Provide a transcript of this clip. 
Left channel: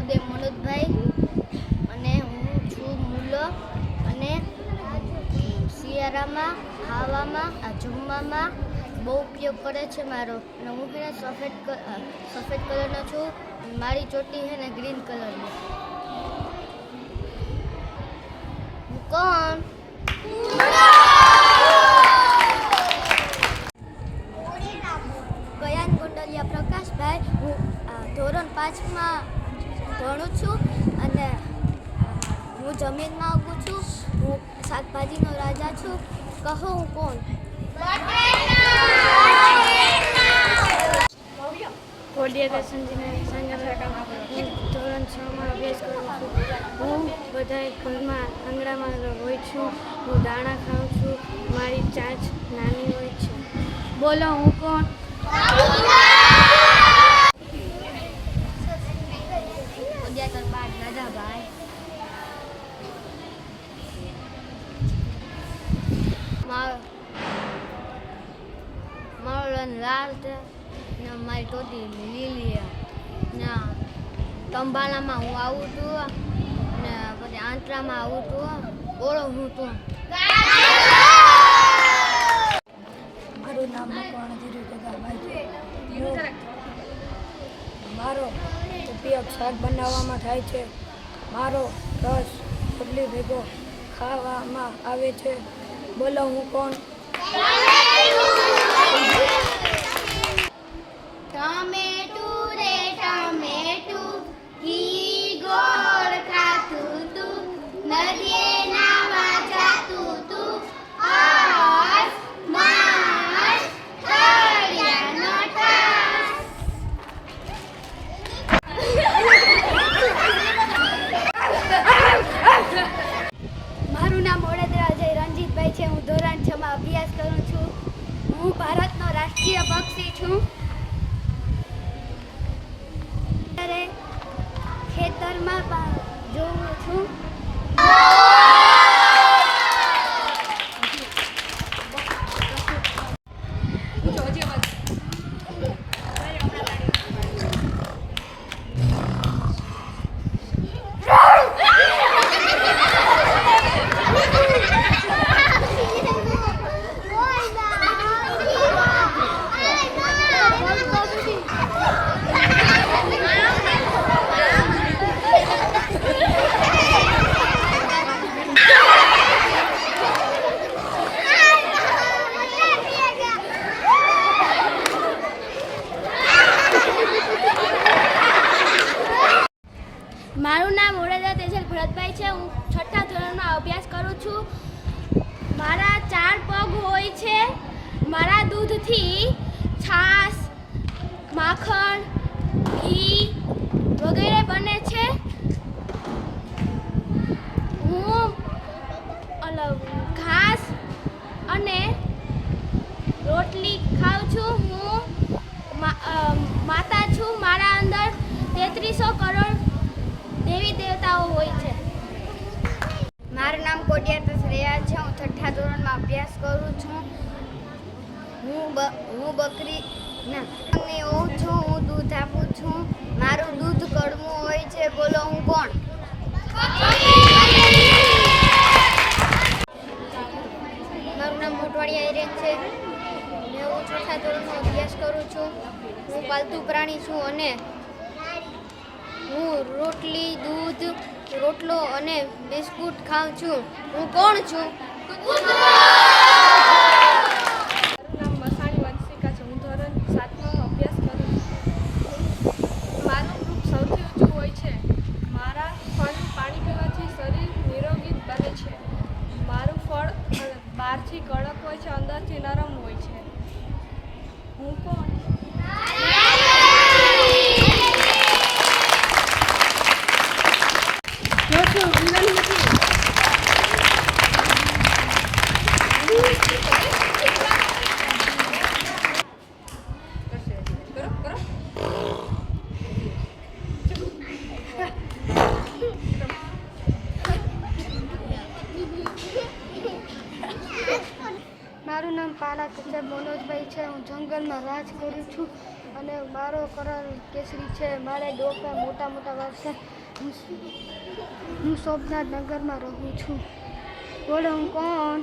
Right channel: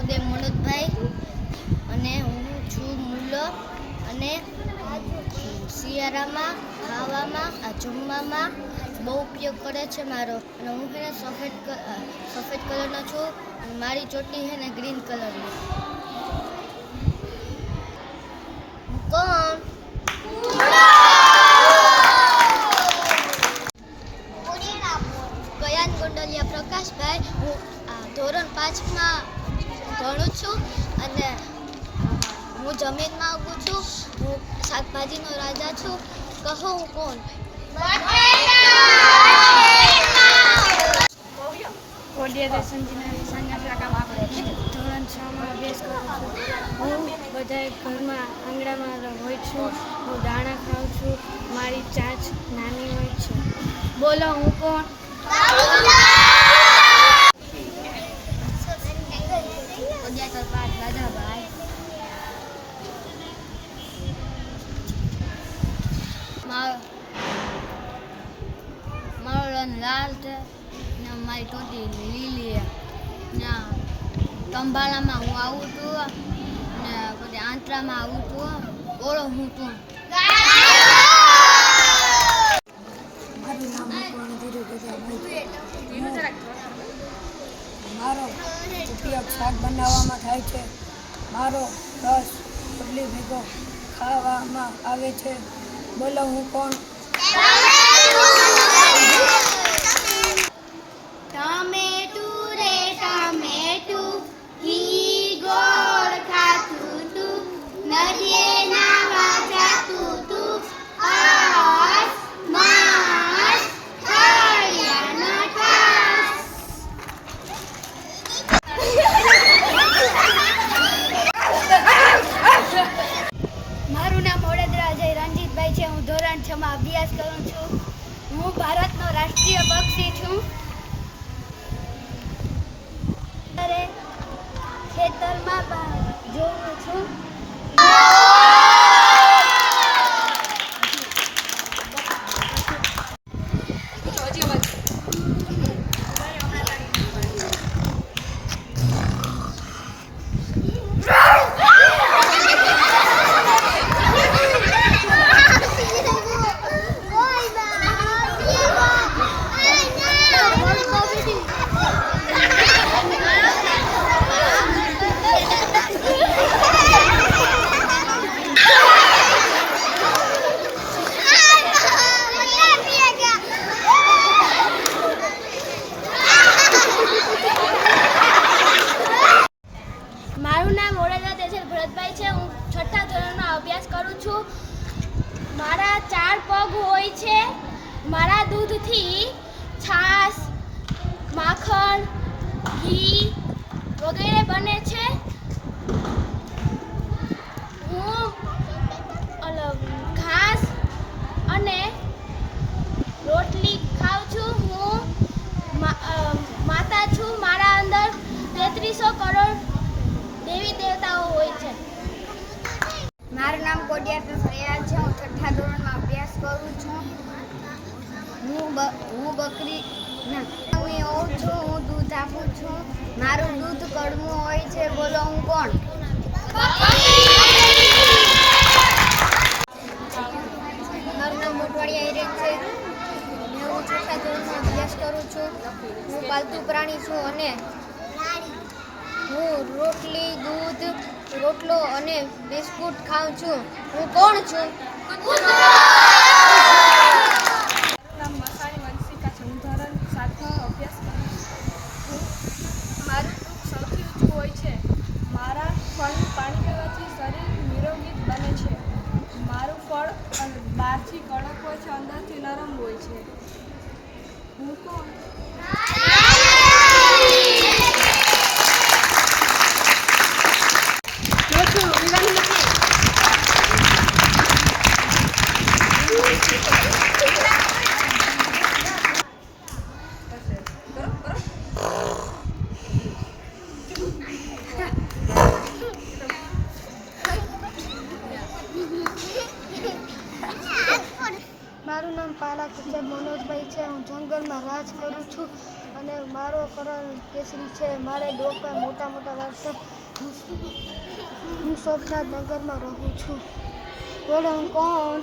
ઉદય મનોજભાઈ. અને હું છું મૂલો. અને શિયાળામાં, ખાવામાં જમવામાં બહુ ઉપયોગ કરે છે મારો. અને હું છે સફેદ સફેદ કલરનો છું. મારી ચોટી છે ને ગ્રીન કલરની. હું કોણ? કયાન ગોંડલિયા પ્રકાશભાઈ? હું ધોરણ પાંચમાં ભણું છું અને હું જમીનમાં ઉગું છું, હું શાકભાજીનો રાજા છું. કહો હું કોણ? ધોરણ છ માં અભ્યાસ કરું છું. હું બધા ઘરમાં આંગણામાં હોય છું. હું દાણા ખાઉં છું. મારી ચાંચ નાની હોય છે. બોલો, હું કોણ? મારો મારો રંગ લાલ છે ને મારી ટોટી લીલી ને કંભાળામાં હું આવું છું ને પછી આંતરામાં આવું છું. ઓળો હું છું. મારું ઉપયોગ શાક બનાવવામાં થાય છે. મારો રસ રોટલી ભેગો ખાવામાં આવે છે. બોલો હું કોણ? ટમેટું હું ધોરણ છમાં અભ્યાસ કરું છું. હું ભારતનો રાષ્ટ્રીય પક્ષી છું. ખેતરમાં જોઉં છું મારું નામ વડોદરા તેજલ ભરતભાઈ છે હું છઠ્ઠા ધોરણમાં અભ્યાસ કરું છું મારા ચાર પગ હોય છે મારા દૂધથી છાશ માખણ, ઘી વગેરે બને છે. હું ઘાસ અને રોટલી ખાઉં છું. હું માતા છું. મારા અંદર તેત્રીસો કરોડ દેવી દેવતાઓ હોય છે. મારું નામ કોડિયાર પ્રફરિયા છે. હું છઠ્ઠા ધોરણમાં અભ્યાસ કરું છું. હું હું બકરી હું એવું છું, હું દૂધ આપું છું, મારું દૂધ કડવું હોય છે, બોલો હું કોણ? મારું નામ મોટવાડિયા હિરેન છે. હું છઠ્ઠા ધોરણમાં અભ્યાસ કરું છું. હું પાલતુ પ્રાણી છું અને હું રોટલી, દૂધ, રોટલો અને બિસ્કુટ ખાઉં છું. હું કોણ છું? નામ મસાણી વંશિકા છે હું ધોરણ સાતમાં અભ્યાસ કરું છું મારું દૂધ સૌથી ઊંચું હોય છે મારા ફળ પાણી પીવાથી શરીર નિરોગી બને છે મારું ફળ અ, બહારથી અંદરથી નરમ હોય છે. હું કોણ પાલા છે, મનોજભાઈ છે, હું જંગલમાં રાજ કરું છું અને મારો કરણ કેસરી છે, મારે ડોકા મોટા મોટા વાળ છે. હું સોમનાથ નગરમાં રહું છું. બોલો, હું કોણ?